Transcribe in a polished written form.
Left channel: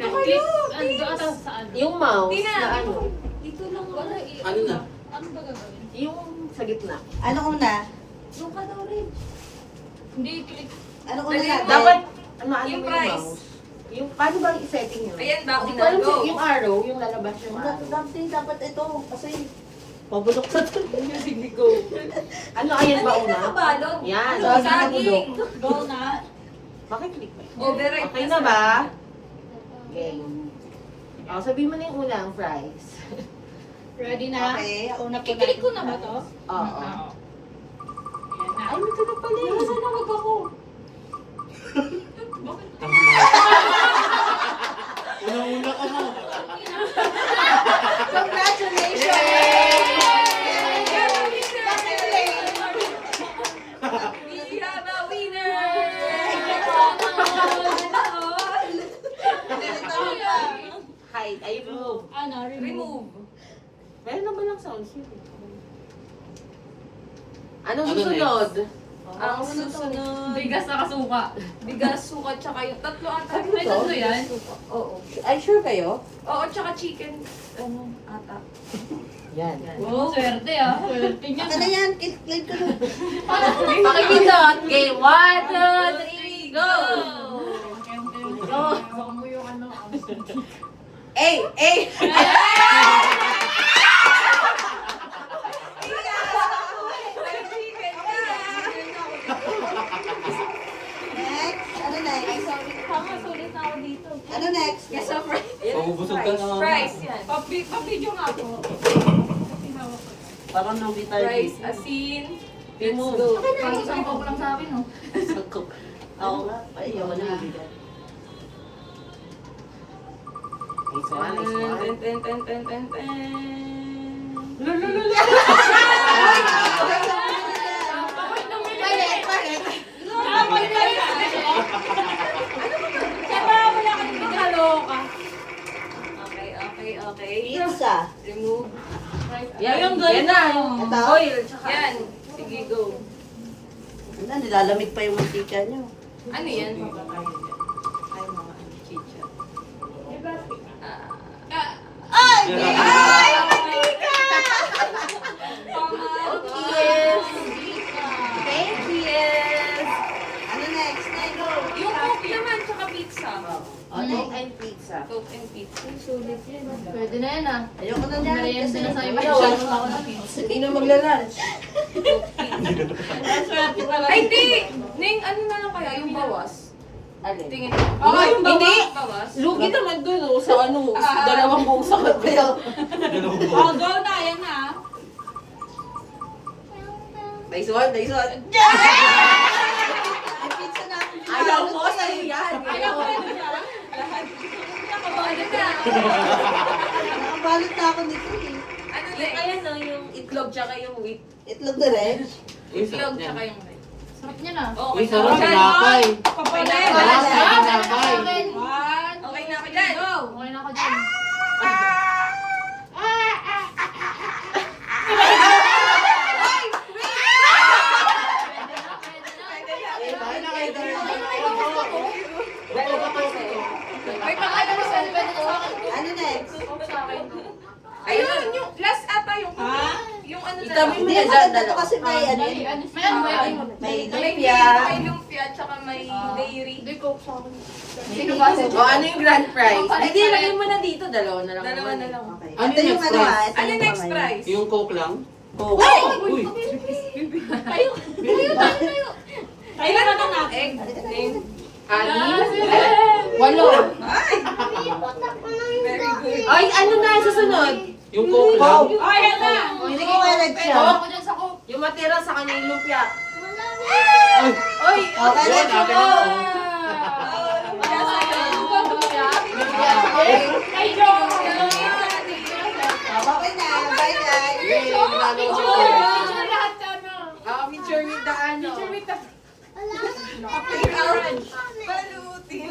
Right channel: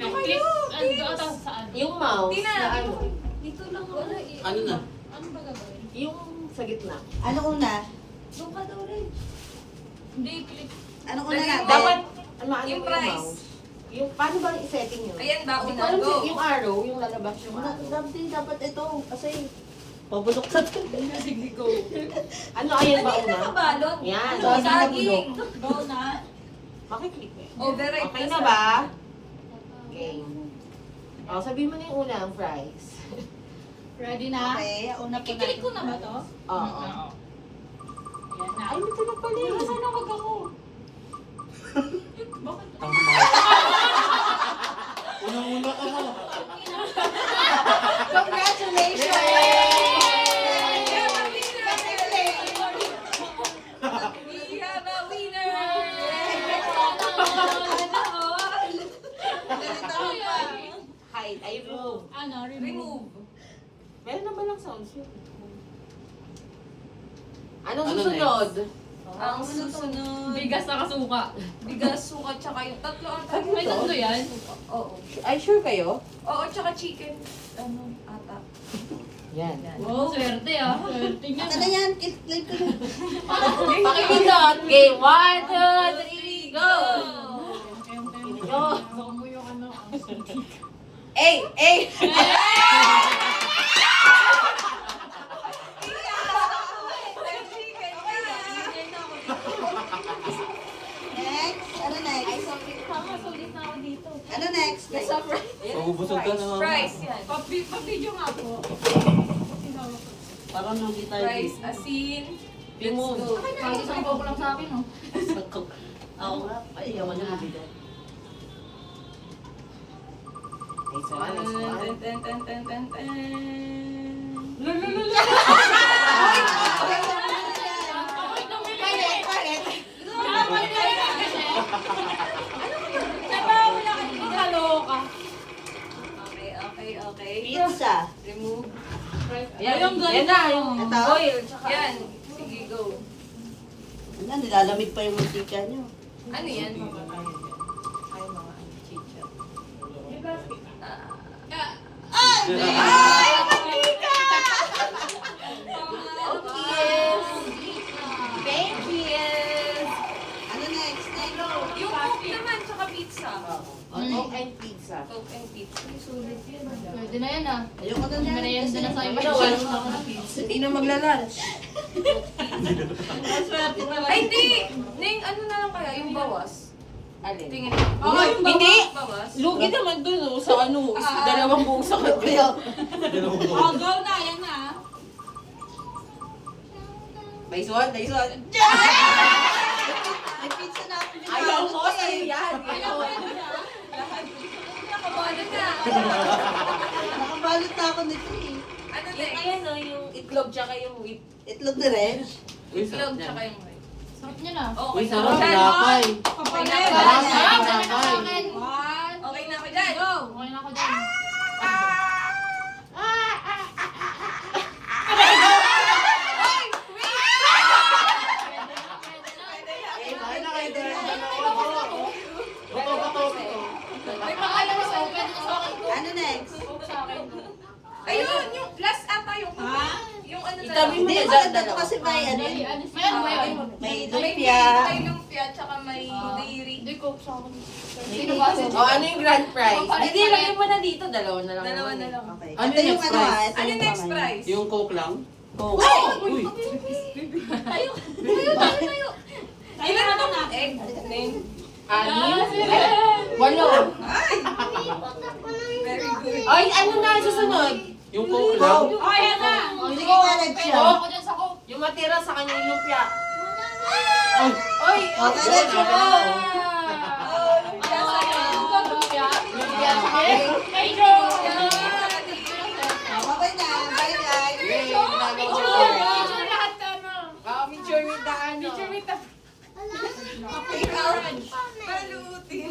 Dito kayo! Saan? Yung mouse Tina, na ano. Dito lang wala eh. Ano na? Ano ba gagawin? Yung sa gitna. Ano una? Doon ka daw rin. Hindi, click. Ano una Lagyan natin? mo. Dapat, ano Yung yung price. mouse? Yung, paano ba i-setting yun? Ayan ba, Hindi una, ko alam go. yung arrow, yung lalabas yung arrow. Dapat ito. Kasi mabulok na ito. Sige, go. Ano, ayan ba una? Nakabalog. Yan. Ano, saging. Go na. Makiklik ba? Override Okay na ba? Game. O, sabihin mo na yung unang fries. Ready na? Okay, una po Kiklik ko na ba to? Oo. Ayan na. Ay, may ka na pala eh. Nasaan na wag ako? Tama na. Una-una ka na. Congratulations! We have a winner! Hide. Ay, remove. Ano, remove. Meron naman lang sounds yun. Anong Ano susunod? Ang susunod. Bigas na kasuka. Bigas, suka, tsaka yung tatlo ata. May tatlo yan? Oo. Ay, sure kayo? Oo, tsaka chicken, ano, ata. Yan. Wow, swerte ah. Swerte niya. Ano yan? Click ko na. Pakipindot. Game 1, 2, 3, go! Go! Huwag mo yung ano. Ay! Ay! Next. Ano next? Tama, sulit na ako dito. Ano next? Gasa fries. Pagubusog ka na. Fries, yan. Pa-video nga po. Parang lugi tayo. Fries, asin. Let's Remove. go. Parang isang ko lang sa akin, oh. Ako nga. Ay, ako na. Nice one, nice one. Ten, ten, ten, ten, ten, ten. Okay, okay, okay. Pizza. Remove. Yan, Yung yan na. Yung Ito? oil. Tsaka Yan. Sige, go. Ano, nilalamig pa yung mantika nyo. Ano yan? Ay, mga chicha. Ay! Ay! Yes! Thank you! Ano next? Yung coke naman, tsaka pizza. Coke and pizza. Coke and pizza. Sulit yan. Pwede na yan ah. Ayoko na yan. Merienda na sa iba. Ano, Ano ako na pizza. Hindi na magla-lunch. Swerte pala. Ay, di! Ning, ano na lang kaya? Yung bawas. Alin? Tingin ko. Oo, yung bawas. Hindi. Bawas. Lugi naman dun oh, sa ano, dalawang buong sakat kayo. Dalawang Oh, buwan. go na. Yan na. Nice one, nice one. Pizza na ako. Ayaw mo, sa'yo yan. Ayaw ko yan na. Nakabalo na. Nakabalot na ako nito eh. Ano Yung next? ayun no, yung itlog tsaka yung wheat. Itlog na rin. Uy, Itlog sarap yan. tsaka yung rice. Sarap niya na. Okay Uy, sarap. na. Tinapay. Okay na. Tinapay. Okay na ako dyan. Go. Okay na ako dyan. Kain na kayo din. Dalawa kasi. May pangalan mo sa Ano next? Ayun, yung last ata yung yung ano na Itabi mo Hindi na ako dyan, ito dalawa. kasi may ano. May ano ba? May May lumpia. may lumpia tsaka may dairy. Hindi ko sa akin. Sino ba? O ano yung grand prize? Hindi, lagyan mo na dito. Dalawa na lang. Dalawa na lang. Okay. Ano Ito yung next ano prize? ah. ito Ano yung next kamay. prize? Yung coke lang? Oh. Uy! Ilan na na? Egg. Name. Walo. Very good. Ay, ano na susunod? Yung coke lang? Oh, yan na. Hindi ko walad siya. Ako dyan sa coke. Yung matira sa kanya yung lumpia. Uy! Oy! Okay, let's go. Ay, go! Okay na. Bye guys. Yay! Nalalo ko. Lahat ka na. Picture with the ano. Balutin.